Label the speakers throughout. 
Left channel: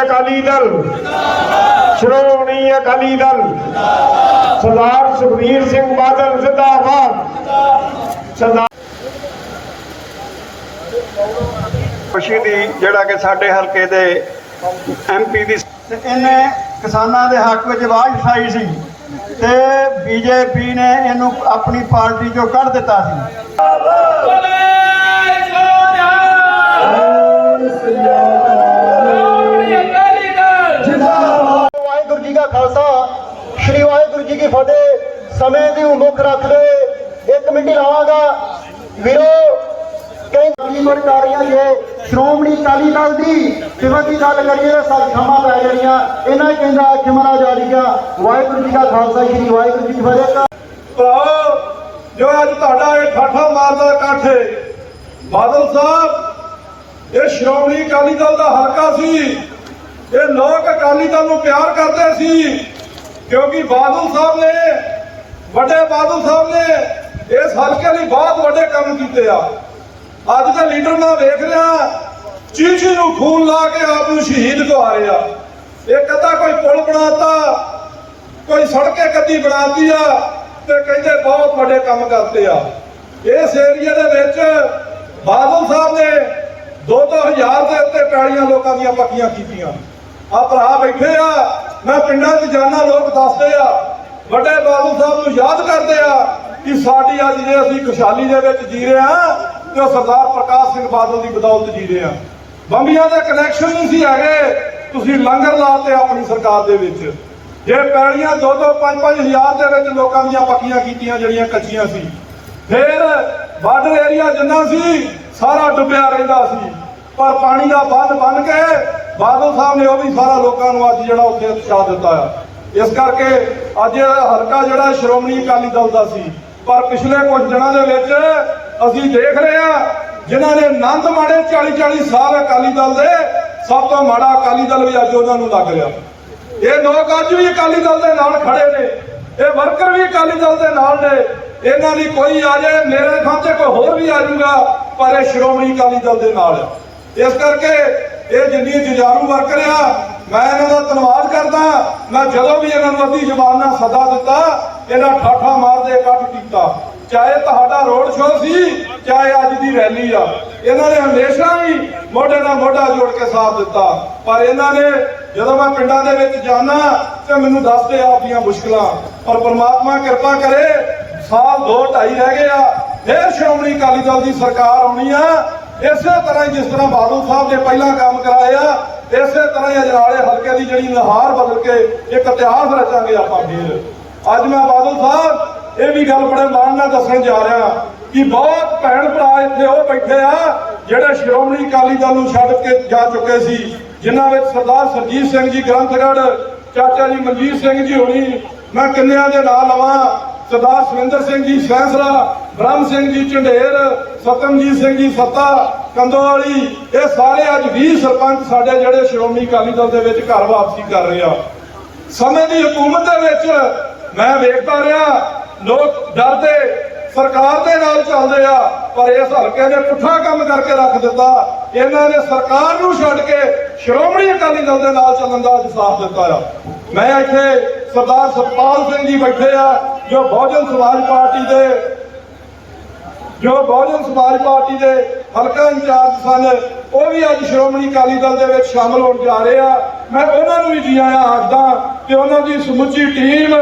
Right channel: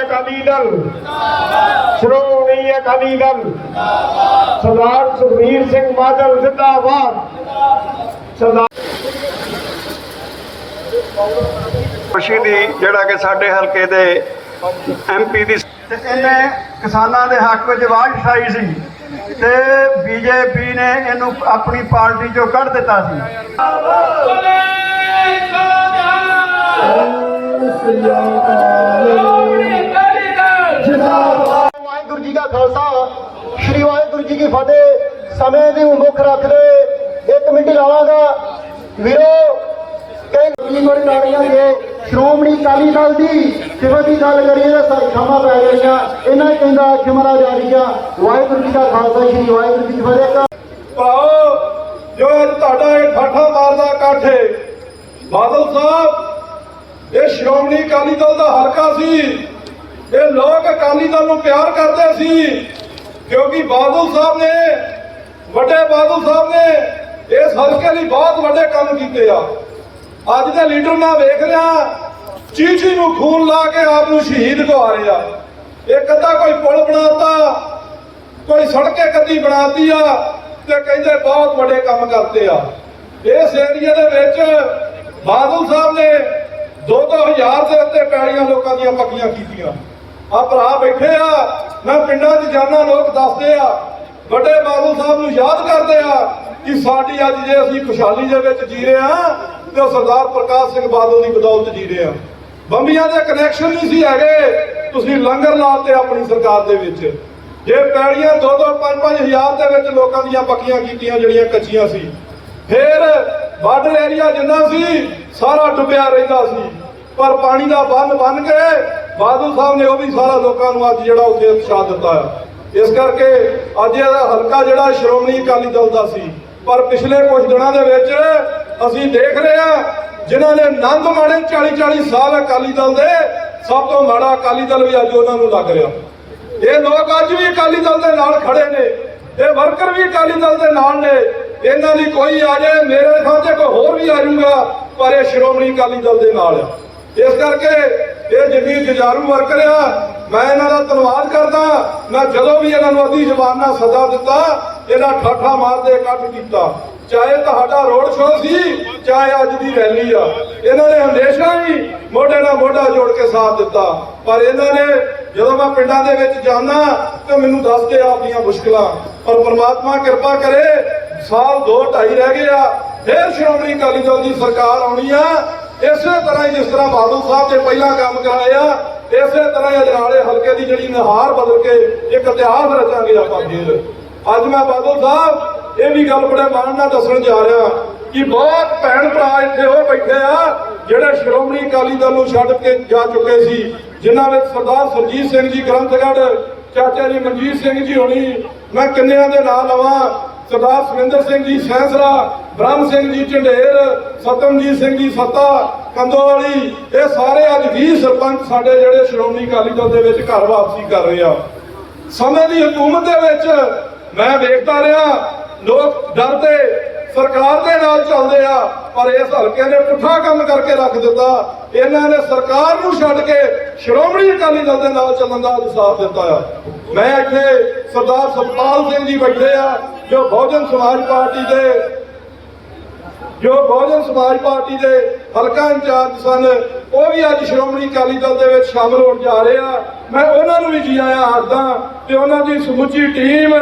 Speaker 1: ਅਕਾਲੀ ਦਲ। ਸ਼੍ਰੋਮਣੀ ਅਕਾਲੀ ਦਲ। ਸਰਦਾਰ ਸੁਖਬੀਰ ਸਿੰਘ ਬਾਦਲ ਜ਼ਿੰਦਾਬਾਦ। ਸਰਦਾਰ
Speaker 2: ਖੁਸ਼ੀ ਦੀ ਜਿਹੜਾ ਕਿ ਸਾਡੇ ਹਲਕੇ ਦੇ ਐਮਪੀ ਦੀ
Speaker 3: ਤੇ ਇਹਨੇ ਕਿਸਾਨਾਂ ਦੇ ਹੱਕ ਵਿੱਚ ਆਵਾਜ਼ ਉਠਾਈ ਸੀ ਤੇ ਬੀਜੇਪੀ ਨੇ ਇਹਨੂੰ ਆਪਣੀ ਪਾਰਟੀ ਚੋਂ ਕੱਢ ਦਿੱਤਾ ਸੀ।
Speaker 4: ਵਾਹਿਗੁਰੂ ਜੀ ਕੀ ਸਮੇਂ ਦੀ ਮੁੱਖ ਰੱਖਦੇ ਇੱਕ ਮਿੰਟ ਲਾਵਾਂਗਾ। ਵੀਰੋ, ਕਈ ਗਲੀਮੜ ਨਾਰੀਆਂ ਦੇ ਸ਼੍ਰੋਮਣੀ ਅਕਾਲੀ ਦਲ ਦੀ ਜਿਵੇਂ ਦੀ ਗੱਲ ਕਰੀਏ ਨਾ ਸੰਖਾਵਾਂ ਪੈ ਗਈਆਂ ਇਹਨਾਂ ਕਹਿੰਦਾ ਜਿਮਨਾ ਜਾਰੀਆ ਵਾਹਿਗੁਰੂ ਜੀ ਕਾ ਖਾਲਸਾ, ਸ੍ਰੀ ਵਾਹਿਗੁਰੂ ਜੀ ਕੀ ਫਤਿਹ।
Speaker 3: ਭਰਾਓ ਜੋ ਅੱਜ ਤੁਹਾਡਾ ਇਹ ਠਾਠਾ ਮਾਰਦਾ ਇਕੱਠ ਬਾਦਲ ਸਾਹਿਬ, ਇਹ ਸ਼੍ਰੋਮਣੀ ਅਕਾਲੀ ਦਲ ਦਾ ਹਲਕਾ ਸੀ। ਇਹ ਲੋਕ ਅਕਾਲੀ ਦਲ ਨੂੰ ਪਿਆਰ ਕਰਦੇ ਸੀ। ਕਿਉਂਕਿ ਬਾਦਲ ਸਾਹਿਬ ਨੇ, ਵੱਡੇ ਬਾਦਲ ਸਾਹਿਬ ਨੇ ਇਸ ਹਲਕੇ ਲਈ ਬਹੁਤ ਵੱਡੇ ਕੰਮ ਕੀਤੇ ਆ। ਅੱਜ ਦੇ ਲੀਡਰ ਮੈਂ ਵੇਖ ਰਿਹਾ, ਚੀਚੀ ਨੂੰ ਖੂਨ ਲਾ ਕੇ ਆਪ ਨੂੰ ਸ਼ਹੀਦ ਕਰਾਏ ਆ। ਇੱਕ ਅੱਧਾ ਕੋਈ ਪੁਲ ਬਣਾਤਾ, ਕੋਈ ਸੜਕੇ ਕੱਦੀ ਬਣਾਤੀ ਆ ਤੇ ਕਹਿੰਦੇ ਬਹੁਤ ਵੱਡੇ ਕੰਮ ਕਰਤੇ ਆ। ਇਸ ਏਰੀਆ ਦੇ ਵਿੱਚ ਬਾਦਲ ਸਾਹਿਬ ਨੇ 2-2000 ਦੇ ਉੱਤੇ ਪੈੜੀਆਂ ਲੋਕਾਂ ਦੀਆਂ ਪੱਕੀਆਂ ਕੀਤੀਆਂ। ਆ ਭਰਾ ਬੈਠੇ ਆ ਮੈਂ ਪਿੰਡਾਂ 'ਚ ਜਾਣਾ ਲੋਕ ਦੱਸਦੇ ਆ, ਵੱਡੇ ਬਾਦਲ ਸਾਹਿਬ ਨੂੰ ਯਾਦ ਕਰਦੇ ਆ ਕਿ ਸਾਡੀ ਅੱਜ ਜੇ ਅਸੀਂ ਖੁਸ਼ਹਾਲੀ ਦੇ ਵਿੱਚ ਜੀ ਰਹੇ ਆ ਤੇ ਸਰਦਾਰ ਪ੍ਰਕਾਸ਼ ਸਿੰਘ ਬਾਦਲ ਦੀ ਬਦੌਲਤ ਜੀ ਰਹੇ ਆ। ਬੰਬੀਆਂ ਦੇ ਕਨੈਕਸ਼ਨ ਨਹੀਂ ਸੀ ਹੈਗੇ, ਤੁਸੀਂ ਲੰਗਰ ਲਾਤੇ ਆਪਣੀ ਸਰਕਾਰ ਦੇ ਵਿੱਚ। ਜੇ ਪੈੜੀਆਂ 2-2 5-5 ਹਜ਼ਾਰ ਦੇ ਵਿੱਚ ਲੋਕਾਂ ਦੀਆਂ ਪੱਕੀਆਂ ਕੀਤੀਆਂ ਜਿਹੜੀਆਂ ਕੱਚੀਆਂ ਸੀ, ਫਿਰ ਬਾਰਡਰ ਏਰੀਆ ਜਿੰਨਾ ਸੀ, ਸਾਰਾ ਡੁੱਬਿਆ ਰਹਿੰਦਾ ਸੀ। ਪਰ ਪਾਣੀ ਦਾ ਬੰਨ ਬਣ ਕੇ ਬਾਦਲ ਸਾਹਿਬ ਨੇ ਉਹ ਵੀ ਸਾਰਾ ਲੋਕਾਂ ਨੂੰ ਅੱਜ ਜਿਹੜਾ ਉੱਥੇ ਉਤਸ਼ਾਹ ਦਿੱਤਾ ਆ। ਇਸ ਕਰਕੇ ਅੱਜ ਇਹ ਹਲਕਾ ਜਿਹੜਾ ਸ਼੍ਰੋਮਣੀ ਅਕਾਲੀ ਦਲ ਦਾ ਸੀ। ਪਰ ਪਿਛਲੇ ਕੁਝ ਦਿਨਾਂ ਦੇ ਵਿੱਚ ਅਸੀਂ ਦੇਖ ਰਹੇ ਆ ਜਿਨ੍ਹਾਂ ਨੇ ਆਨੰਦ ਮਾਣੇ 40-40 ਸਾਲ ਅਕਾਲੀ ਦਲ ਦੇ, ਸਭ ਤੋਂ ਮਾੜਾ ਅਕਾਲੀ ਦਲ ਵੀ ਅੱਜ ਉਹਨਾਂ ਨੂੰ ਲੱਗ ਰਿਹਾ। ਇਹ ਲੋਕ ਅੱਜ ਵੀ ਅਕਾਲੀ ਦਲ ਦੇ ਨਾਲ ਖੜੇ ਨੇ। ਇਹ ਵਰਕਰ ਵੀ ਅਕਾਲੀ ਦਲ ਦੇ ਨਾਲ ਨੇ। ਇਹਨਾਂ ਦੀ ਕੋਈ ਆ ਜਾਏ, ਮੇਰੇ ਥਾਂ ਤੇ ਕੋਈ ਹੋਰ ਵੀ ਆ ਜਾਊਗਾ, ਪਰ ਇਹ ਸ਼੍ਰੋਮਣੀ ਅਕਾਲੀ ਦਲ ਦੇ ਨਾਲ ਆ। ਇਸ ਕਰਕੇ ਇਹ ਜਿੰਨੀ ਜੁਝਾਰੂ ਵਰਕਰ ਆ ਮੈਂ ਇਹਨਾਂ ਦਾ ਧੰਨਵਾਦ ਕਰਦਾ। ਮੈਂ ਜਦੋਂ ਵੀ ਇਹਨਾਂ ਨੂੰ ਅੱਧੀ ਜ਼ਬਾਨ ਨਾਲ ਸਦਾ ਦਿੱਤਾ, ਇਹਨਾਂ ਠਾਠਾ ਮਾਰਦੇ ਇਕੱਠ ਕੀਤਾ। ਚਾਹੇ ਤੁਹਾਡਾ ਰੋਡ ਸ਼ੋਅ ਸੀ, ਚਾਹੇ ਅੱਜ ਦੀ ਰੈਲੀ ਆ। ਇਹਨਾਂ ਨੇ ਹਮੇਸ਼ਾ ਹੀ ਮੋਢੇ ਨਾਲ ਮੋਢਾ ਜੋੜ ਕੇ ਸਾਥ ਦਿੱਤਾ। ਪਰ ਇਹਨਾਂ ਨੇ ਜਦੋਂ ਮੈਂ ਪਿੰਡਾਂ ਦੇ ਵਿੱਚ ਜਾਂਦਾ, ਤੇ ਮੈਨੂੰ ਦੱਸਦੇ ਆਪਣੀਆਂ ਮੁਸ਼ਕਲਾਂ। ਪਰ ਪਰਮਾਤਮਾ ਕਿਰਪਾ ਕਰੇ, ਸਾਲ ਦੋ ਢਾਈ ਰਹਿ ਗਏ ਆ, ਫੇਰ ਸ਼੍ਰੋਮਣੀ ਅਕਾਲੀ ਦਲ ਦੀ ਸਰਕਾਰ ਆਉਣੀ ਆ। ਇਸੇ ਤਰ੍ਹਾਂ ਜਿਸ ਤਰ੍ਹਾਂ ਬਾਦਲ ਸਾਹਿਬ ਨੇ ਪਹਿਲਾਂ ਕੰਮ ਕਰਾਏ ਇਸੇ ਤਰ੍ਹਾਂ ਹੀ ਅਜਨਾਲੇ ਹਲਕੇ ਦੀ ਜਿਹੜੀ ਨਹਾਰ ਬਦਲ ਕੇ ਇੱਕ ਇਤਿਹਾਸ ਰਚਾਂਗੇ ਆਪਾਂ ਫੇਰ। ਅੱਜ ਮੈਂ ਬਾਦਲ ਸਾਹਿਬ, ਇਹ ਵੀ ਗੱਲ ਬੜੇ ਮਾਣ ਨਾਲ ਦੱਸਣ ਜਾ ਰਿਹਾ ਕਿ ਬਹੁਤ ਭੈਣ ਭਰਾ ਇੱਥੇ ਉਹ ਬੈਠੇ ਆ, ਜਿਹੜੇ ਸ਼੍ਰੋਮਣੀ ਅਕਾਲੀ ਦਲ ਨੂੰ ਛੱਡ ਕੇ ਜਾ ਚੁੱਕੇ ਸੀ, ਜਿਨ੍ਹਾਂ ਵਿੱਚ ਸਰਦਾਰ ਸਰਜੀਤ ਸਿੰਘ ਜੀ ਗ੍ਰੰਥਗੜ੍ਹ, ਚਾਚਾ ਜੀ ਮਨਜੀਤ ਸਿੰਘ ਜੀ ਹੋਣੀ, ਮੈਂ ਕਿੰਨਿਆਂ ਦੇ ਨਾਂ ਲਵਾਂ ਸਰਦਾਰ ਸੁਰਿੰਦਰ ਸਿੰਘ ਜੀ ਸੈਂਸਰਾ ਬ੍ਰਹਮ ਸਿੰਘ ਜੀ ਝੰਡੇਰ, ਸਤਮਜੀਤ ਸਿੰਘ ਜੀ ਸੱਤਾ ਕੰਦੋਵਾਲੀ ਇਹ ਸਾਰੇ ਅੱਜ 20 ਸਰਪੰਚ ਸਾਡੇ ਜਿਹੜੇ ਸ਼੍ਰੋਮਣੀ ਅਕਾਲੀ ਦਲ ਦੇ ਵਿੱਚ ਘਰ ਵਾਪਸੀ ਕਰ ਰਹੇ ਆ। ਸਮੇਂ ਦੀ ਹਕੂਮਤ ਦੇ ਵਿੱਚ ਮੈਂ ਵੇਖਦਾ ਰਿਹਾ, ਲੋਕ ਡਰਦੇ ਸਰਕਾਰ ਦੇ ਨਾਲ ਚੱਲਦੇ ਆ, ਪਰ ਇਸ ਹਲਕੇ ਨੇ ਪੁੱਠਾ ਕੰਮ ਕਰਕੇ ਰੱਖ ਦਿੱਤਾ। ਇਹਨਾਂ ਨੇ ਸਰਕਾਰ ਨੂੰ ਛੱਡ ਕੇ ਸ਼੍ਰੋਮਣੀ ਅਕਾਲੀ ਦਲ ਦੇ ਨਾਲ ਚੱਲਣ ਦਾ ਸਾਥ ਦਿੱਤਾ ਆ। ਮੈਂ ਇੱਥੇ ਸਰਦਾਰ ਸਤਪਾਲ ਸਿੰਘ ਜੀ ਬੈਠੇ ਆ, ਜੋ ਬਹੁਜਨ ਸਮਾਜ ਪਾਰਟੀ ਦੇ, ਜੋ ਬਹੁਜਨ ਸਮਾਜ ਪਾਰਟੀ ਦੇ ਹਲਕਾ ਇੰਚਾਰਜ ਸਨ, ਉਹ ਵੀ ਅੱਜ ਸ਼੍ਰੋਮਣੀ ਅਕਾਲੀ ਦਲ ਦੇ ਵਿੱਚ ਸ਼ਾਮਲ ਹੋਣ ਜਾ ਰਹੇ ਆ। ਮੈਂ ਉਹਨਾਂ ਨੂੰ ਵੀ ਜੀ ਆਇਆਂ ਆਖਦਾ ਤੇ ਉਹਨਾਂ ਦੀ ਸਮੁੱਚੀ ਟੀਮ,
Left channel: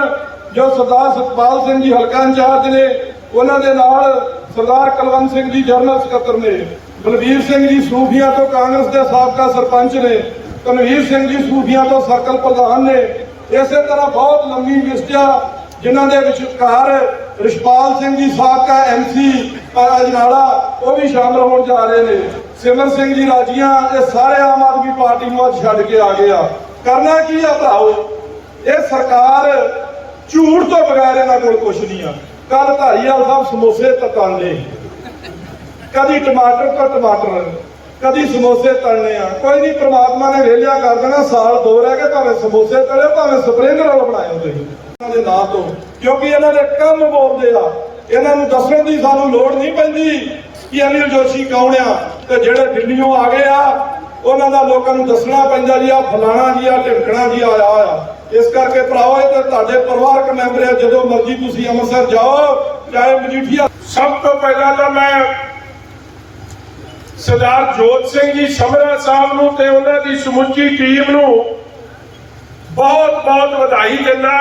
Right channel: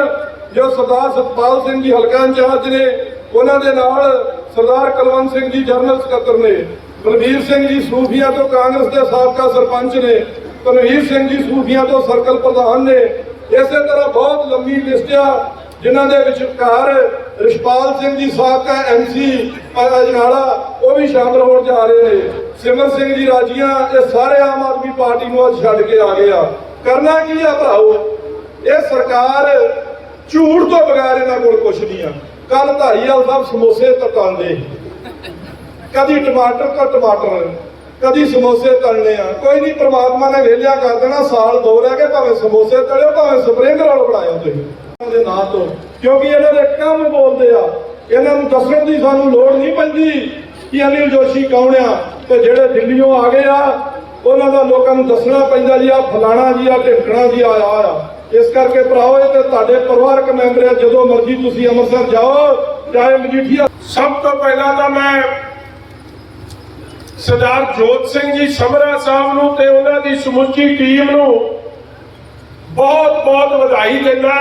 Speaker 3: ਜੋ ਸਰਦਾਰ ਸਤਪਾਲ ਸਿੰਘ ਜੀ ਹਲਕਾ ਇੰਚਾਰਜ ਨੇ, ਉਹਨਾਂ ਦੇ ਨਾਲ ਸਰਦਾਰ ਕੁਲਵੰਤ ਸਿੰਘ ਜੀ ਜਨਰਲ ਸਕੱਤਰ ਨੇ, ਬਲਬੀਰ ਸਿੰਘ ਜੀ ਸੂਫੀਆ ਤੋਂ ਕਾਂਗਰਸ ਦੇ ਸਾਬਕਾ ਸਰਪੰਚ ਨੇ ਤਨਵੀਰ ਸਿੰਘ ਜੀ ਸੂਫੀਆ ਤੋਂ ਸਰਕਲ ਪ੍ਰਧਾਨ ਨੇ ਇਸੇ ਤਰ੍ਹਾਂ ਬਹੁਤ ਲੰਮੀ ਲਿਸਟ ਆ, ਜਿਨ੍ਹਾਂ ਦੇ ਵਿਚਕਾਰ ਰਿਸ਼ਪਾਲ ਸਿੰਘ ਜੀ, ਸਾਬਕਾ ਐਮਸੀ ਅਜਨਾਲਾ ਉਹ ਵੀ ਸ਼ਾਮਲ ਹੋਣ ਜਾ ਰਹੇ ਨੇ। ਸਿਮਰ ਸਿੰਘ ਜੀ ਰਾਜੀਆਂ, ਇਹ ਸਾਰੇ ਆਮ ਆਦਮੀ ਪਾਰਟੀ ਨੂੰ ਅੱਜ ਛੱਡ ਕੇ ਆ ਗਏ ਆ। ਕਰਨਾ ਕੀ ਆ ਭਰਾਓ ਇਹ ਸਰਕਾਰ ਝੂਠ ਤੋਂ ਬਗੈਰ ਇਹਨਾਂ ਕੋਲ ਕੁਝ ਨਹੀਂ ਆ। ਕੱਲ ਧਾਰੀਵਾਲ ਸਾਹਿਬ ਸਮੋਸੇ ਤਕਾਉਂਦੇ ਕਦੀ ਟਮਾਟਰ ਤਾਂ ਟਮਾਟਰ। ਕਦੀ ਸਮੋਸੇ ਤਲਣੇ ਆ। ਕੋਈ ਨਹੀਂ ਪ੍ਰਮਾਤਮਾ ਨੇ ਵੇਲਿਆ ਕਰ ਦੇਣਾ, ਸਾਲ ਦੋ ਰਹਿ ਗਏ, ਭਾਵੇਂ ਸਮੋਸੇ ਤਲੇ, ਭਾਵੇਂ ਸਪਰਿੰਗ ਰੋਲ ਬਣਾਏ ਤੁਸੀਂ। ਇਹਨਾਂ ਦੇ ਨਾਂ ਤੋਂ, ਕਿਉਂਕਿ ਇਹਨਾਂ ਦੇ ਕੰਮ ਬੋਲਦੇ ਆ। ਇਹਨਾਂ ਨੂੰ ਦੱਸਣ ਦੀ ਸਾਨੂੰ ਲੋੜ ਨਹੀਂ ਪੈਂਦੀ ਕਿ ਅਨਿਲ ਜੋਸ਼ੀ ਕੌਣ ਆ ਤੇ ਜਿਹੜੇ ਦਿੱਲੀੋਂ ਆ ਗਏ ਆ, ਉਹਨਾਂ ਦਾ ਲੋਕਾਂ ਨੂੰ ਦੱਸਣਾ ਪੈਂਦਾ ਜੀ ਆ ਫਲਾਣਾ ਜੀ ਆ ਢਿੰਕਣਾ ਜੀ ਆਇਆ ਆ ਇਸ ਕਰਕੇ ਭਰਾਓ ਇਹ ਤਾਂ ਤੁਹਾਡੇ ਪਰਿਵਾਰਕ ਮੈਂਬਰ ਆ, ਜਦੋਂ ਮਰਜ਼ੀ ਤੁਸੀਂ ਅੰਮ੍ਰਿਤਸਰ ਜਾਓ, ਚਾਹੇ ਮਜੀਠੀਆ
Speaker 1: ਸਭ ਤੋਂ ਪਹਿਲਾਂ ਤਾਂ ਮੈਂ ਸਰਦਾਰ ਜੋਤ ਸਿੰਘ ਜੀ ਸਮਰਾ ਸਾਹਿਬ ਨੂੰ ਤੇ ਉਹਨਾਂ ਦੀ ਸਮੁੱਚੀ ਟੀਮ ਨੂੰ ਬਹੁਤ ਬਹੁਤ ਵਧਾਈ ਦਿੰਦਾ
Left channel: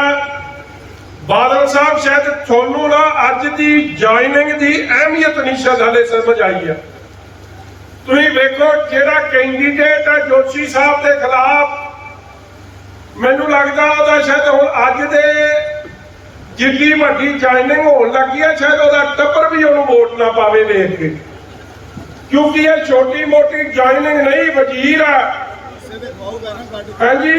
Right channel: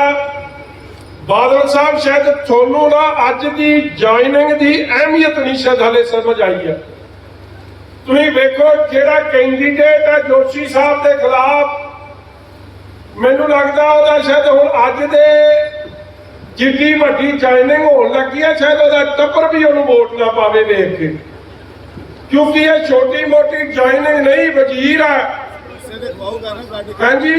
Speaker 1: ਬਾਦਲ ਸਾਹਿਬ, ਸ਼ਾਇਦ ਤੁਹਾਨੂੰ ਨਾ ਅੱਜ ਦੀ ਜੁਆਇਨਿੰਗ ਦੀ ਅਹਿਮੀਅਤ ਨਹੀਂ ਸ਼ਾਇਦ ਹਲੇ ਸਮਝ ਆਈ ਹੈ। ਤੁਸੀਂ ਵੇਖੋ ਜਿਹੜਾ ਕੈਂਡੀਡੇਟ ਹੈ ਜੋਸ਼ੀ ਸਾਹਿਬ ਦੇ ਖਿਲਾਫ। ਮੈਨੂੰ ਲੱਗਦਾ ਉਹਦਾ ਸ਼ਾਇਦ ਹੁਣ ਅੱਜ ਦੇ ਜਿੱਡੀ ਵੱਡੀ ਜੁਆਇਨਿੰਗ ਹੋਣ ਲੱਗੀ ਹੈ, ਸ਼ਾਇਦ ਉਹਦਾ ਟੱਬਰ ਵੀ ਉਹਨੂੰ ਵੋਟ ਨਾ ਪਾਵੇ ਵੇਖ ਕੇ। ਕਿਉਂਕਿ ਇਹ ਛੋਟੀ ਮੋਟੀ ਜੁਆਇਨਿੰਗ ਨਹੀਂ ਵਜ਼ੀਰ ਆ। ਹਾਂਜੀ।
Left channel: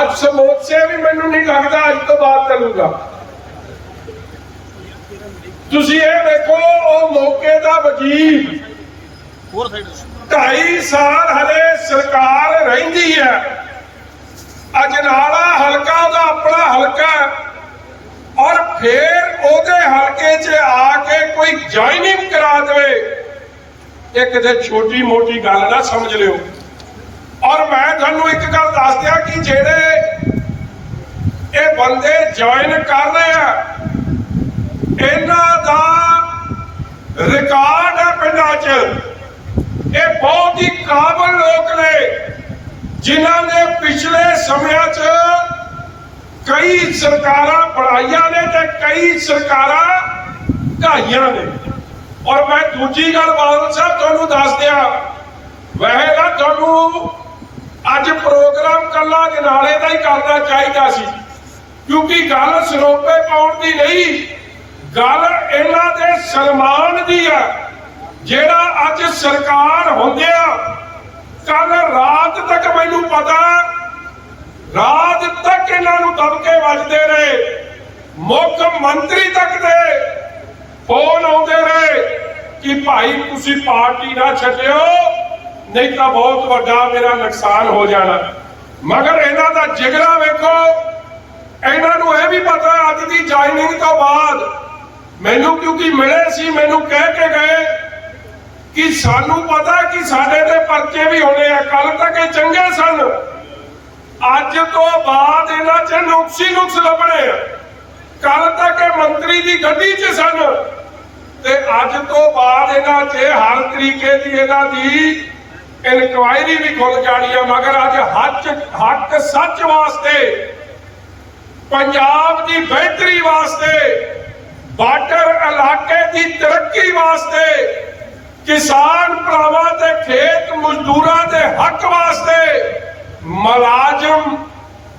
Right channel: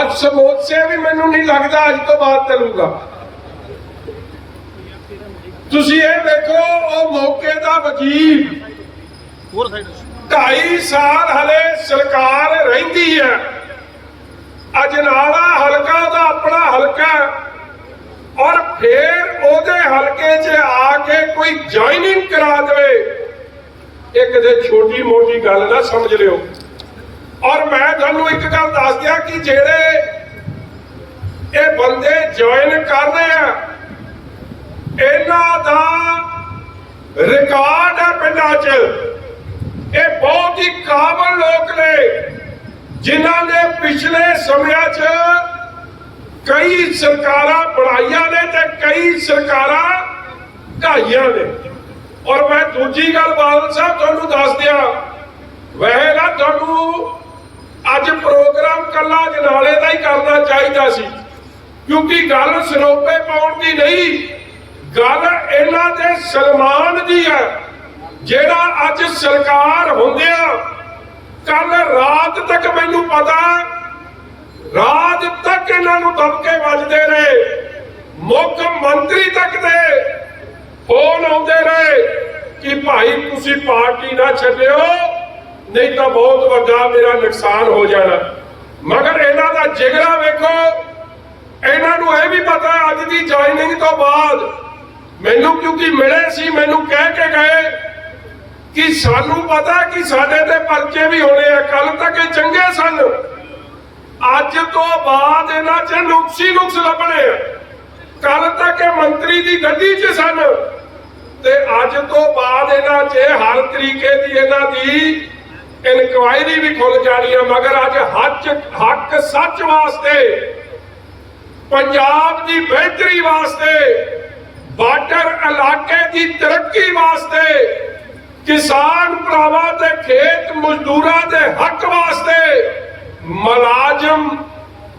Speaker 1: ਅੱਜ ਸਮੋਸੇ ਵੀ ਮੈਨੂੰ ਨਹੀਂ ਲੱਗਦਾ ਅੱਜ ਤੋਂ ਬਾਅਦ ਚੱਲੂਗਾ। ਤੁਸੀਂ ਇਹ ਦੇਖੋ ਉਹ ਮੌਕੇ ਦਾ ਵਜ਼ੀਰ। ਢਾਈ ਸਾਲ ਹਲੇ ਸਰਕਾਰ ਰਹਿੰਦੀ ਹੈ। ਅਜਨਾਲਾ ਹਲਕਾ ਉਹਦਾ ਆਪਣਾ ਹਲਕਾ ਹੈ। ਔਰ ਫਿਰ ਉਹਦੇ ਹਲਕੇ 'ਚ ਆ ਕੇ ਕੋਈ ਜੁਆਇਨਿੰਗ ਕਰਾ ਦੇਵੇ ਇਹ ਕਿਤੇ ਛੋਟੀ ਮੋਟੀ ਗੱਲ ਨਾ ਸਮਝ ਲਿਓ। ਔਰ ਮੈਂ ਤੁਹਾਨੂੰ ਇੱਕ ਗੱਲ ਦੱਸ ਦਿਆਂ ਕਿ ਜਿਹੜੇ ਇਹ ਬੰਦੇ ਜੁਆਇਨ ਕਰ ਰਹੇ ਆ, ਇਹਨਾਂ ਦਾ ਰਿਕਾਰਡ ਹੈ ਪਿੰਡਾਂ 'ਚ। ਇਹ ਬਹੁਤ ਹੀ ਕਾਬਲ ਲੋਕ ਨੇ, ਜਿਨ੍ਹਾਂ ਨੇ ਪਿਛਲੇ ਸਮਿਆਂ 'ਚ ਕਈ ਸਰਕਾਰਾਂ ਬਣਾਈਆਂ ਨੇ ਤੇ ਕਈ ਸਰਕਾਰਾਂ ਢਾਈਆਂ ਨੇ। ਔਰ ਮੈਂ ਦੂਜੀ ਗੱਲ ਬਾਦਲ ਸਾਹਿਬ ਤੁਹਾਨੂੰ ਦੱਸ ਦਿਆਂ। ਵੈਸੇ ਨਾ ਤੁਹਾਨੂੰ ਅੱਜ ਪ੍ਰੋਗਰਾਮ ਕੱਲਾ ਜਨਾਲੇ ਦਾ ਹੀ ਕਰਨਾ ਚਾਹੀਦਾ ਸੀ। ਕਿਉਂਕਿ ਗੱਲ ਸਰੋਪੇ ਪਾਉਣ ਦੀ ਨਹੀਂ, ਗੱਲ ਇਹਨਾਂ ਦੇ ਸਨਮਾਨ ਦੀ ਹੈ ਜਿਹੜਾ ਅੱਜ ਸਰਕਾਰ ਹੁੰਦਿਆ ਕੱਲ ਰਾਤ ਤੱਕ ਮੈਨੂੰ ਪਤਾ, ਰਾਤ ਤੱਕ ਇਹਨਾਂ ਨੂੰ ਦਬਕੇ ਵੱਜਦੇ ਰਹੇ ਮੁੱਖ ਮੰਤਰੀ ਤੱਕ ਦੇ ਫੋਨ ਆਉਂਦੇ ਰਹੇ ਕਿ ਭਾਈ ਤੁਸੀਂ ਪਾਰਟੀ ਨਾ ਛੱਡਿਓ, ਨਹੀਂ ਤਾਂ ਬਹੁਤ ਵੱਡਾ ਮੇਰਾ ਨੁਕਸਾਨ ਹੋ ਜਾਣਾ। ਮਗਰ ਇਹਨਾਂ ਦਾ ਜਿਗਰਾ ਵੇਖੋ, ਇਹਨਾਂ ਨੂੰ ਇਹ ਵੀ ਪਤਾ ਹੈ ਅੱਜ ਦੀ ਜੁਆਇਨਿੰਗ ਤੋਂ ਬਾਅਦ ਮੈਨੂੰ ਕਿਉਂਕਿ ਮਿਲੇ ਸੀ, ਮੈਨੂੰ ਕਹਿ ਕੇ ਗਏ ਕਿ ਸਾਨੂੰ ਪਤਾ ਕਿ ਸਾਡੇ ਤੇ ਪਰਚੇ ਵੀ ਹੋਣੇ ਆ ਕੱਲ ਤੱਕ ਇਹ ਚੰਗੇ ਸਨ। ਅੱਜ ਤੋਂ ਬਾਅਦ ਇਹਨਾਂ 'ਚ ਨੁਕਸੀ ਨੁਕਸ ਲੱਭਣੇ ਆ। ਕੱਲ ਤੱਕ ਇਹ ਮੰਤਰੀ ਦੀ ਗੱਡੀ 'ਚ ਸਨ। ਤੇ ਅੱਜ ਤੋਂ ਬਾਅਦ ਇਹਨਾਂ 'ਚ ਹਰ ਤਰੀਕੇ ਦੀ ਇਹਨਾਂ ਦੀ ਇਨਕੁਆਇਰੀ ਵੀ ਖੁੱਲ ਜਾਣੀ ਆ, ਮਗਰ ਅੱਜ ਹੱਕ ਹੱਕ ਸੱਚ ਵਾਸਤੇ, ਪੰਜਾਬ ਦੀ ਬਿਹਤਰੀ ਵਾਸਤੇ, ਬਾਰਡਰ ਇਲਾਕੇ ਦੀ ਤਰੱਕੀ ਵਾਸਤੇ, ਕਿਸਾਨ ਭਰਾਵਾਂ ਤੇ ਖੇਤ ਮਜ਼ਦੂਰਾਂ ਦੇ ਹੱਕ ਵਾਸਤੇ ਮੁਲਾਜ਼ਮ,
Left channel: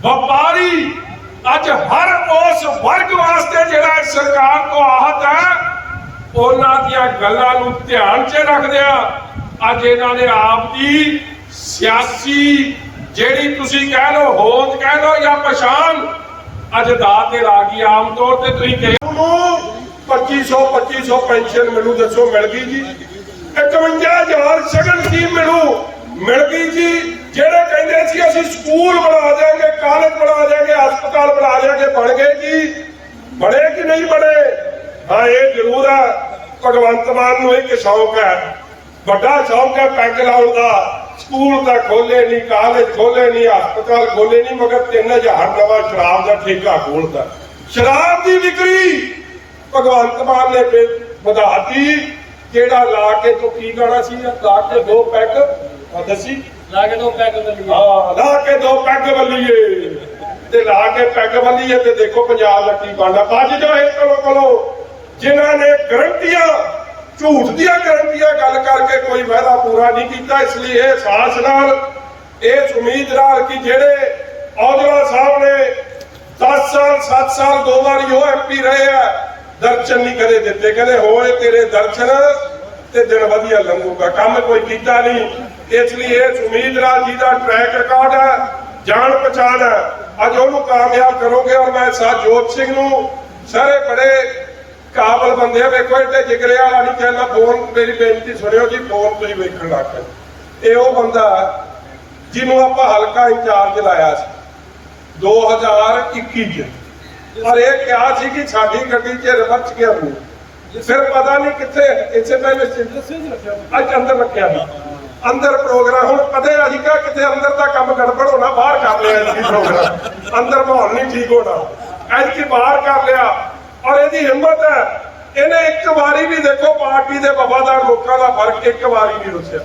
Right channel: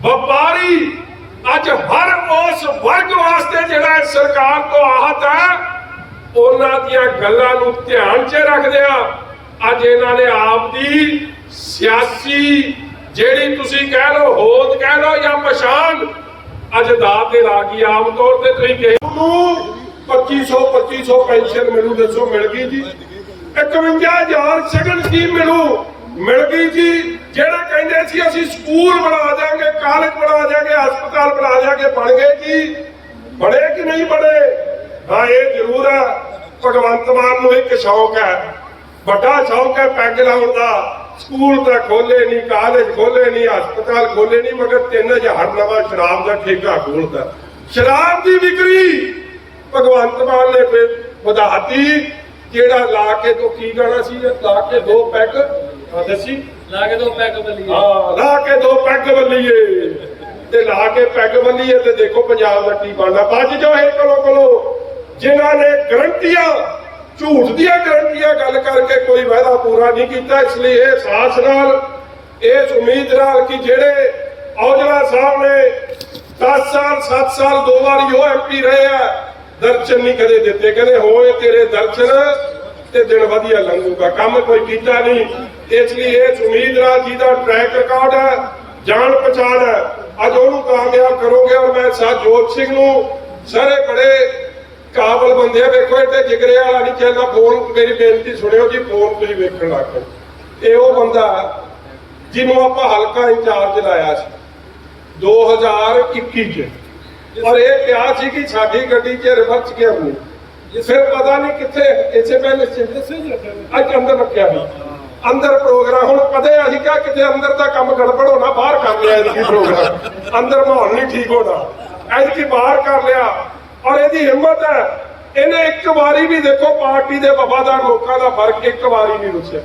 Speaker 1: ਵਪਾਰੀ ਅੱਜ ਹਰ ਉਸ ਵਰਗ ਵਾਸਤੇ ਜਿਹੜਾ ਸਰਕਾਰ ਤੋਂ ਆਹਤ ਹੈ ਉਹਨਾਂ ਦੀਆਂ ਗੱਲਾਂ ਨੂੰ ਧਿਆਨ 'ਚ ਰੱਖਦਿਆਂ ਅੱਜ ਇਹਨਾਂ ਨੇ ਆਪ ਦੀ ਸਿਆਸੀ ਜਿਹੜੀ ਤੁਸੀਂ ਕਹਿ ਲਓ, ਹੋਂਦ ਕਹਿ ਲਓ ਜਾਂ ਪਛਾਣ, ਅੱਜ ਦਾਅ ਤੇ ਲਾ ਗਈ ਆਮ ਤੌਰ ਤੇ ਤੁਸੀਂ ਕਹੇ ਨੂੰ 2500 2500 ਪੈਨਸ਼ਨ ਮਿਲੂ ਦੱਸੋ, ਮਿਲ ਗਈ ਜੀ? 51000 ਸ਼ਗਨ ਸਕੀਮ ਮਿਲੂ? ਮਿਲ ਗਈ ਜੀ। ਜਿਹੜੇ ਕਹਿੰਦੇ ਸੀ ਅਸੀਂ ਸਕੂਲ ਬਣਾ ਦਿਆਂਗੇ ਕਾਲਜ ਬਣਾ ਦਿਆਂਗੇ, ਹਸਪਤਾਲ ਬਣਾ ਦਿਆਂਗੇ, ਬਣ ਗਏ ਜੀ। ਬਣੇ ਕਿ ਨਹੀਂ ਬਣੇ? ਹਾਂ ਇਹ ਜ਼ਰੂਰ ਹੈ ਭਗਵੰਤ ਮਾਨ ਨੂੰ ਇੱਕ ਸ਼ੌਕ ਹੈ। ਵੱਡਾ ਸ਼ੌਕ ਹੈ ਪੈਗ ਲਾਉਣ ਦਾ। ਸਕੂਲ ਤਾਂ ਖੋਲੇ ਨਹੀਂ ਕਾਲਜ ਖੋਲੇ ਨਹੀਂ ਹਸਪਤਾਲ ਖੋਲੇ ਨਹੀਂ ਮਗਰ 3000 ਨਵਾਂ ਸ਼ਰਾਬ ਦਾ ਠੇਕਾ ਖੋਲਦਾ ਸ਼ਰਾਬ ਦੀ ਵਿਕਰੀ ਭਗਵੰਤ ਮਾਨ ਨੇ ਫਿਰ ਵਧਾਤੀ। ਜਿਹੜਾ ਲਾ ਕੇ ਤੋਂ ਕੀ ਗਾਣਾ ਸੀ? ਲਾ ਕੇ ਦੋ ਪੈਗ। ਦੱਸੀ।
Speaker 5: ਲਾ ਕੇ ਦੋ ਪੈਗ ਬੱਲੀ
Speaker 1: ਹਾਂ ਲਾ ਕੇ ਦੋ ਪੈਗ ਬੱਲੀਏ। ਤੇ ਲਾ ਕੇ ਪੈਗ ਬੱਲੀਏ ਤੇ ਦੇਖੋ ਪੰਜਾਬ ਦਾ ਕੀ ਬਣਦਾ। ਅੱਜ ਜੋ ਇਹ ਕੋਲੋਂ ਕੋਲੋਂ ਜਿਨ੍ਹਾਂ ਨੇ ਗਰੰਟੀਆਂ, ਝੂਠ ਦੀਆਂ ਗਰੰਟੀਆਂ ਗੱਲ ਕਰਕੇ ਕੋਈ ਵਾਅਦਾ ਪੂਰਾ ਨਹੀਂ ਕੀਤਾ, ਇਸ ਲਈ ਇਹ ਸਾਹਸ ਨਾਲ, ਇਸ ਉਮੀਦ ਨਾਲ ਕਿ ਜਿਹੜੇ ਔਜਲਾ ਸਾਹਿਬ ਨੇ 10 ਸਾਲ 7 ਸਾਲ, ਦੋ ਵਾਰੀ ਉਹ ਐਮਪੀ ਰਹੇ ਆ, ਦਰਸ਼ਨ ਨਹੀਂ ਕਦੇ ਦਿੱਤੇ। ਕਹਿੰਦੇ, ਹੋਏ ਤੇਰੇ ਦਰਸ਼ਨ ਤੇ ਦਿਨ ਵਧੀਆ ਲੰਘੂਗਾ। ਕੰਮ ਕੋਈ ਕੀਤਾ ਨਹੀਂ। ਇਸ ਲਈ ਇਸ ਉਮੀਦ ਨਾਲ ਜਿਹਦਾ ਟਰੈਕ ਰਿਕਾਰਡ ਹੈ ਜਾਣ ਪਛਾਣ ਹੈ ਅੱਜ ਉਹਨੂੰ ਕਾਮਯਾਬ ਕਰੋਗੇ ਔਰ ਮੈਂ ਸਾਜੋਤ ਸਿੰਘ ਨੂੰ ਸਾਰੇ ਬੜੇ ਕਾਬਲ ਬੰਦੇ ਆ ਵੇਖੋ ਏਡੇ ਜਿਗਰੇ ਵਾਲਾ ਨਹੀਂ ਚਾਹੁੰਦਾ ਫੋਨ ਮੇਰੀ ਬੇਨਤੀ ਸੁਣਿਓ ਜੀ ਫੋਨ ਤੁਸੀਂ ਵੇਖਣ ਲੱਗ ਪਏ। ਇਹ ਉਹ ਬੰਦਾ ਜਿਹਨੂੰ ਆਪਾਂ ਹਲਕਾ ਇੰਚਾਰਜ ਲਾਇਆ ਸੀ 2021 ਚ। ਔਰ ਇਹ ਕਿਹਾ ਸੀ ਕਿ ਸਾਡੀ ਗੱਡੀ 'ਚ ਰਿਵਰਸ ਗਿਆ ਨਹੀਂ। ਫਿਰ ਪਤਾ ਨਹੀਂ ਕਿੱਥੇ ਇਸੇ ਪਹਿਲੇ ਅੱਜ ਅੰਦਰ ਰੱਖਿਆ ਸੀ ਅੰਦਰ ਪ੍ਰੋਗਰਾਮ ਹੁਣ ਕਦੇ ਅਸੀਂ ਕਹਾ ਕਿਤੇ ਅੰਦਰ ਦਾ ਕੰਮ ਗੜਬੜ ਹੋਣਾ ਬਾਹਰ ਕਰ ਲਿਆ ਜੀ ਪ੍ਰੋਗਰਾਮ ਅੰਦਰ ਮਾਹੌਲ ਨਹੀਂ ਠੀਕ ਹੋਣਾ। ਐਤਕੀ ਬਾਹਰ ਕਰ ਲਿਆ। ਔਰ ਇਹਦੀ ਹਿੰਮਤ ਹੈ। ਇਹਨੇ ਇੱਕ ਵਾਰੀ ਵੀ ਦੇਖੋ, ਪਾਰਟੀ ਦੇ ਵਫਾਦਾਰ ਲੋਕਾਂ ਦਾ ਫ਼ਰਕ ਇੱਕ ਵਾਰੀ ਨਹੀਂ ਰੁੱਸਿਆ।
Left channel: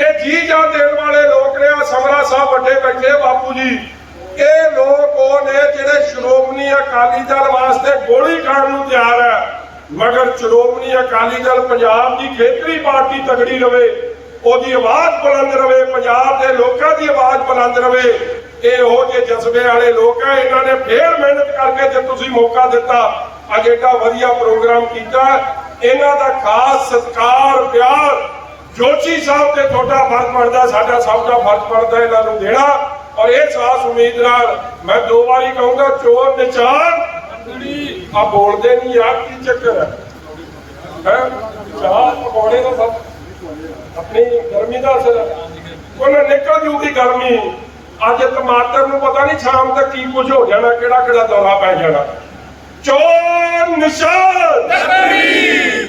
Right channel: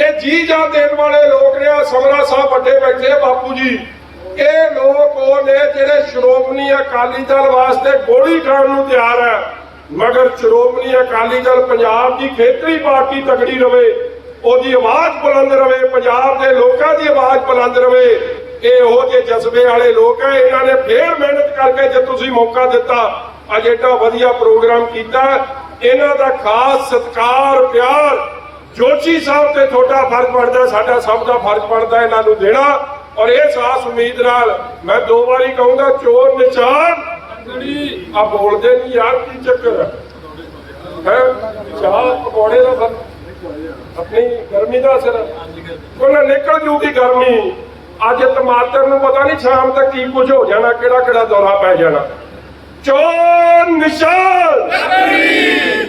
Speaker 1: ਇਹ ਜੀ ਜਾਨ ਦੇਣ ਵਾਲੇ ਲੋਕ ਨੇ, ਆਹ ਸਮਰਾ ਸਾਹਿਬ ਵੱਡੇ ਬੈਠੇ ਬਾਪੂ ਜੀ। ਇਹ ਲੋਕ ਉਹ ਨੇ ਜਿਹੜੇ ਸ਼੍ਰੋਮਣੀ ਅਕਾਲੀ ਦਲ ਵਾਸਤੇ ਗੋਲੀ ਖਾਣ ਨੂੰ ਤਿਆਰ ਹੈ। ਮਗਰ ਸ਼੍ਰੋਮਣੀ ਅਕਾਲੀ ਦਲ ਪੰਜਾਬ ਦੀ ਖੇਤਰੀ ਪਾਰਟੀ ਤਗੜੀ ਰਵੇ, ਉਹਦੀ ਆਵਾਜ਼ ਬੁਲੰਦ ਰਵੇ, ਪੰਜਾਬ ਦੇ ਲੋਕਾਂ ਦੀ ਆਵਾਜ਼ ਬੁਲੰਦ ਰਵੇ। ਇਹ ਉਹ ਜਿਹੇ ਜਜ਼ਬੇ ਵਾਲੇ ਲੋਕ ਆ ਇਹਨਾਂ ਨੇ ਫੇਰ ਮਿਹਨਤ ਕਰਕੇ ਜੇ ਤੁਸੀਂ ਮੌਕਾ ਦਿੱਤਾ ਅੱਜ ਏਡਾ ਵਧੀਆ ਪ੍ਰੋਗਰਾਮ ਕੀਤਾ। ਇਹਨਾਂ ਦਾ ਖਾਸ ਸਤਿਕਾਰ, ਪਿਆਰ ਜੋਸ਼ੀ ਸਾਹਿਬ ਤੇ ਤੁਹਾਡਾ ਫਰਜ਼ ਬਣਦਾ, ਸਾਡਾ ਸਭ ਦਾ ਫਰਜ਼ ਬਣਦਾ ਇਹਨਾਂ ਨੂੰ ਦੇਣਾ। ਔਰ ਇਹ ਸਾਸ ਉਮੀਦ ਨਾਲ ਮੈਂ ਦੋ ਵਾਰੀ ਕਹੂੰਗਾ, ਚੋਰ ਨਿਸ਼ਾਨ। ਆ ਬੋਲਦੇ ਨਹੀਂ ਯਾਰ, ਕੀ ਚੱਕਰ ਹੈ? ਹੈ? ਚਾਹ, ਪਕੌੜੇ ਦਾ ਫ਼ਰਕ ਆਪਣੀ ਗਰਮੀ ਦਾ ਅਸਰ ਹੈ ਨਿਕਲ ਜੂਗੀ ਗਰਮੀ। ਅੱਜ ਟਮਾਟਰ ਨੂੰ ਪਤਾ ਨਹੀਂ ਸ਼ਾਮ ਤੱਕ ਕੀ ਕੁਝ ਹੋ ਜਾਣਾ ਕਿਹੜਾ ਕਿਹੜਾ ਦੌਰਾ ਪੈ ਜਾਣਾ। ਚੋਰ ਨਿਸ਼ਾਨ।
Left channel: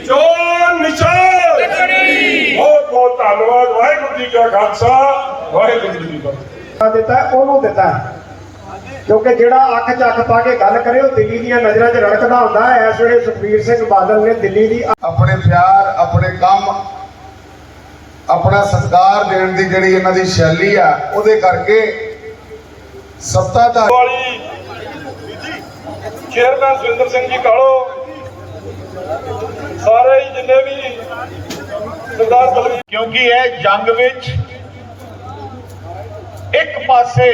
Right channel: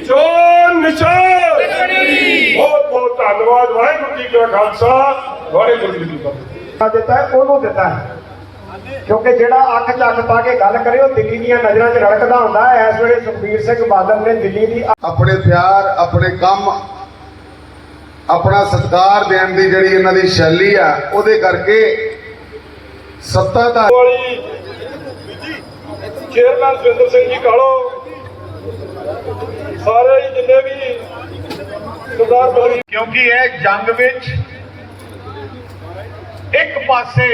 Speaker 1: ਚੋਰ ਨਿਸ਼ਾਨ। ਬਹੁਤ ਬਹੁਤ ਧੰਨਵਾਦ ਵਾਹਿਗੁਰੂ ਜੀ ਕਾ ਖਾਲਸਾ ਵਾਹਿਗੁਰੂ ਜੀ ਕੀ ਫਤਿਹ।
Speaker 5: ਦਿੱਤਾ ਹੈ, ਉਹਨੂੰ ਦਿੱਤਾ। ਹੈ। ਕਿਉਂਕਿ ਜਿਹੜਾ ਅੱਖ ਚੱਕ ਪਾ ਕੇ ਗੱਲ ਕਰੇ ਉਹ ਦਿੱਲੀ ਦੀਆਂ ਨਜ਼ਰਾਂ 'ਚ ਰੜਕਦਾ ਹੁੰਦਾ ਹੈ। ਇਸ ਵੇਲੇ ਸੁਖਬੀਰ ਸਿੰਘ ਬਾਦਲ ਨੇ ਦਿੱਲੀ ਦੀ
Speaker 6: ਆਪਣੇ ਪਿਆਰ ਆਪਣੇ ਕੰਮ ਆਪਣਾ ਸਤਿਕਾਰ ਦੇਣ ਦੀ ਜਿਹੜੀ ਇਹਨਾਂ ਦੀ ਸ਼ੈਲੀ ਆ ਉਹਦੇ ਕਰਕੇ ਸੱਤਾ ਦਾ
Speaker 1: ਵਾਲੀ ਚੇਅਰਮੈਨ ਸੁਰਿੰਦਰ ਸਿੰਘ ਜੀ ਕਾਲੋ, ਸਾਰੇ ਜਿੰਨੇ ਵੀ ਸਰਦਾਰ ਬਲਵੀਰ
Speaker 7: ਕਿਉਂਕਿ ਇਹ ਜੰਗ ਵਿੱਚ ਇੱਕ ਪਾਸੇ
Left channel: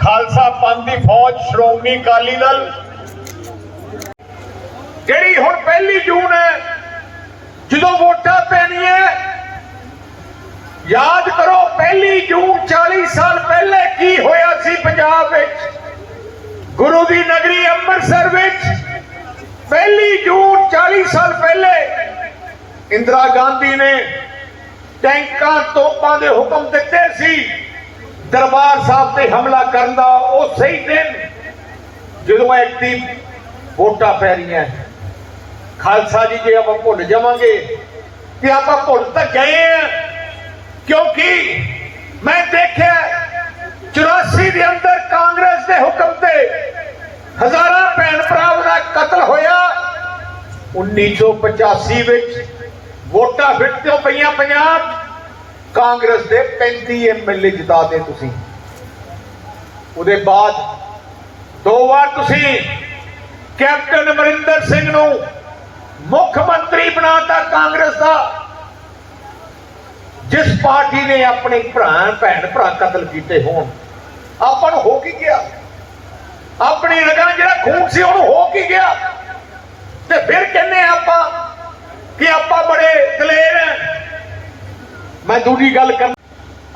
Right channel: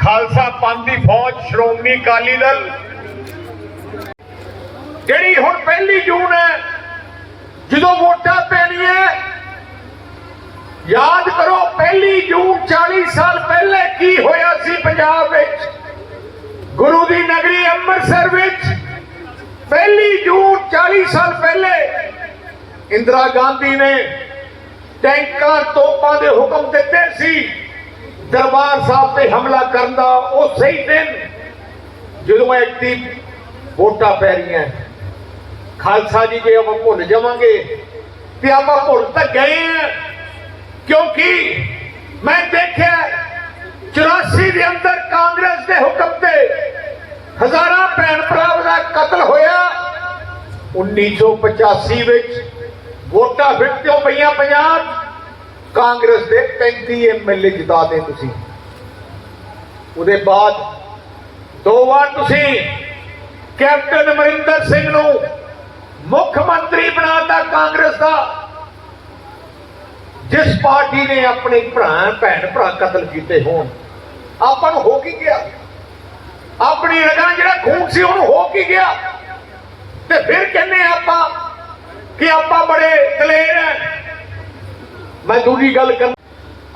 Speaker 7: ਖਾਲਸਾ ਪੰਥ ਦੀ ਫੌਜ ਸ਼੍ਰੋਮਣੀ ਅਕਾਲੀ ਦਲ, ਜਿਹੜੀ ਹੁਣ ਪਹਿਲੀ ਜੂਨ ਹੈ, ਜਦੋਂ ਵੋਟਾਂ ਪੈਣੀਆਂ ਯਾਦ ਕਰੋ ਪਹਿਲੀ ਜੂਨ 40 ਸਾਲ ਪਹਿਲੇ ਕੀ ਹੋਇਆ ਸੀ ਪੰਜਾਬ ਵਿੱਚ? ਗੁਰੂ ਦੀ ਨਗਰੀ ਅੰਮ੍ਰਿਤਸਰ ਵਿੱਚ ਪਹਿਲੀ ਜੂਨ 40 ਸਾਲ ਪਹਿਲੇ ਇੰਦਰਾ ਗਾਂਧੀ ਨੇ ਟੈਂਕਾਂ ਤੋਪਾਂ ਦੇ ਹੁਕਮ ਦਿੱਤੇ ਸੀ। ਦਰਬਾਰ ਸਾਹਿਬ ਤੇ ਹਮਲਾ ਕਰਨ ਦਾ ਉਹ ਸਹੀ ਦਿਨ ਜਦੋਂ ਐਕਟੀ ਵੋਟਾਂ ਪੈ ਰਹੀਆਂ। ਖਾਲਸਾ ਜੀ, ਜੇ ਆਪਾਂ ਭੁੱਲ ਜਾਵਾਂਗੇ ਤੇ ਆਪਾਂ ਭੁੱਲ ਤਾਂ ਗਏ ਆ, ਕਿਉਂਕਿ ਮੈਂ ਦੇਖਿਆ 84 ਦੇ ਅੰਦਰ ਕਾਂਗਰਸ ਦੇ ਹੁਕਮ ਤੇ ਹਜ਼ਾਰਾਂ ਭੈਣ ਭਰਾਵਾਂ ਦਾ ਕਤਲ ਹੋਇਆ। 1985 ਵਿੱਚ ਵੋਟਾਂ ਫਿੱਟਿਓ ਪਈਆਂ ਪੰਜਾਬ। ਕਾਂਗਰਸ ਦੇ 35 ਐਮਐਲਏ ਜਿਤਾ ਦੇ ਤੁਸੀਂ। ਉਹਦੇ ਬਾਅਦ ਦੋ ਵਾਰ ਤੁਸੀਂ ਕੈਪਟਨ ਅਮਰਿੰਦਰ ਸਿੰਘ ਨੂੰ ਮੁੱਖ ਮੰਤਰੀ ਬਣਾਤਾ ਕਾਂਗਰਸ ਦਾ। ਜਿਸ ਪਾਰਟੀ ਨੇ ਆਪਣੇ ਭਰਾ, ਭੈਣ ਭਰਾ ਕਤਲ ਕੀਤੇ ਹੋਣ। ਆਪਾਂ ਨੂੰ ਹੋ ਕੀ ਗਿਆ? ਆਪਣੀ ਰਗਾਂ ਜਿਹੜਾ ਖੂਨ ਸੀ ਉਹਨੂੰ ਹੋ ਕੀ ਗਿਆ? ਤੇ ਫਿਰ ਕਹਿੰਨੇ ਆਪਾਂ ਕਿ ਆਪਾਂ ਬੜੇ ਦਲੇਰ ਹੈ। ਮੈਂ ਦੂਜੀ ਗੱਲ ਕਰ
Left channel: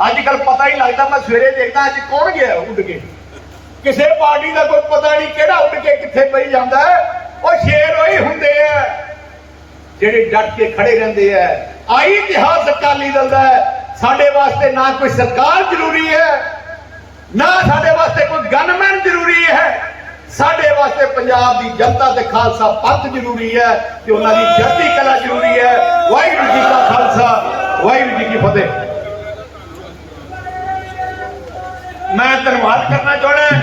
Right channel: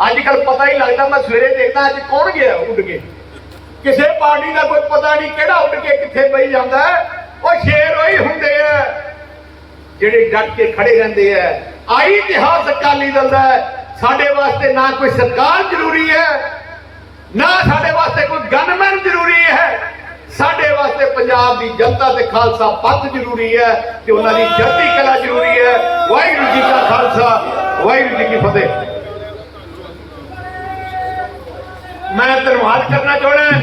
Speaker 7: ਅੱਜ ਕੱਲ ਪਤਾ ਹੀ ਲੱਗਦਾ ਮੈਂ ਸਵੇਰੇ ਦੇਖਦਾ ਅੱਜ ਕੌਣ ਗਿਆ ਉੱਡ ਕੇ? ਕਿਸੇ ਪਾਰਟੀ ਦਾ ਕੋਈ ਪਤਾ ਨਹੀਂ ਕਿਹੜਾ ਉੱਡ ਕੇ ਕਿੱਥੇ ਪਈ ਜਾਂਦਾ ਉਹ ਸ਼ੇਰ ਉਹੀ ਹੁੰਦੇ ਆ। ਜਿਹੜੇ ਡਟ ਕੇ ਖੜੇ ਰਹਿੰਦੇ ਆ। ਆਈ ਇਤਿਹਾਸ ਅਕਾਲੀ ਦਲ ਦਾ ਸਾਡੇ ਵਾਸਤੇ ਨਾ ਕੋਈ ਸਰਕਾਰ ਜ਼ਰੂਰੀ ਹੈ ਨਾ ਸਾਡੇ ਵਾਸਤੇ ਕੋਈ ਗਨਮੈਨ ਜ਼ਰੂਰੀ ਹੈ। ਸਾਡੇ ਵਾਸਤੇ ਪੰਜਾਬ ਦੀ ਜਨਤਾ ਤੇ ਖਾਲਸਾ ਪੰਥ ਜ਼ਰੂਰੀ ਹੈ ਤੇ ਉਹਨਾਂ ਦੀ ਚੜ੍ਹਦੀ ਕਲਾ ਜ਼ਰੂਰੀ ਹੈ। ਵਾਹਿਗੁਰੂ ਜੀ ਕਾ ਖਾਲਸਾ, ਵਾਹਿਗੁਰੂ ਜੀ ਕੀ ਫਤਿਹ। ਮੈਂ ਧੰਨਵਾਦ ਕਰਨਾ ਚਾਹੁੰਦਾ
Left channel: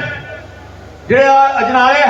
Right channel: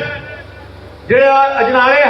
Speaker 7: ਜਿਹੜਾ ਅਜਨਾਲੇ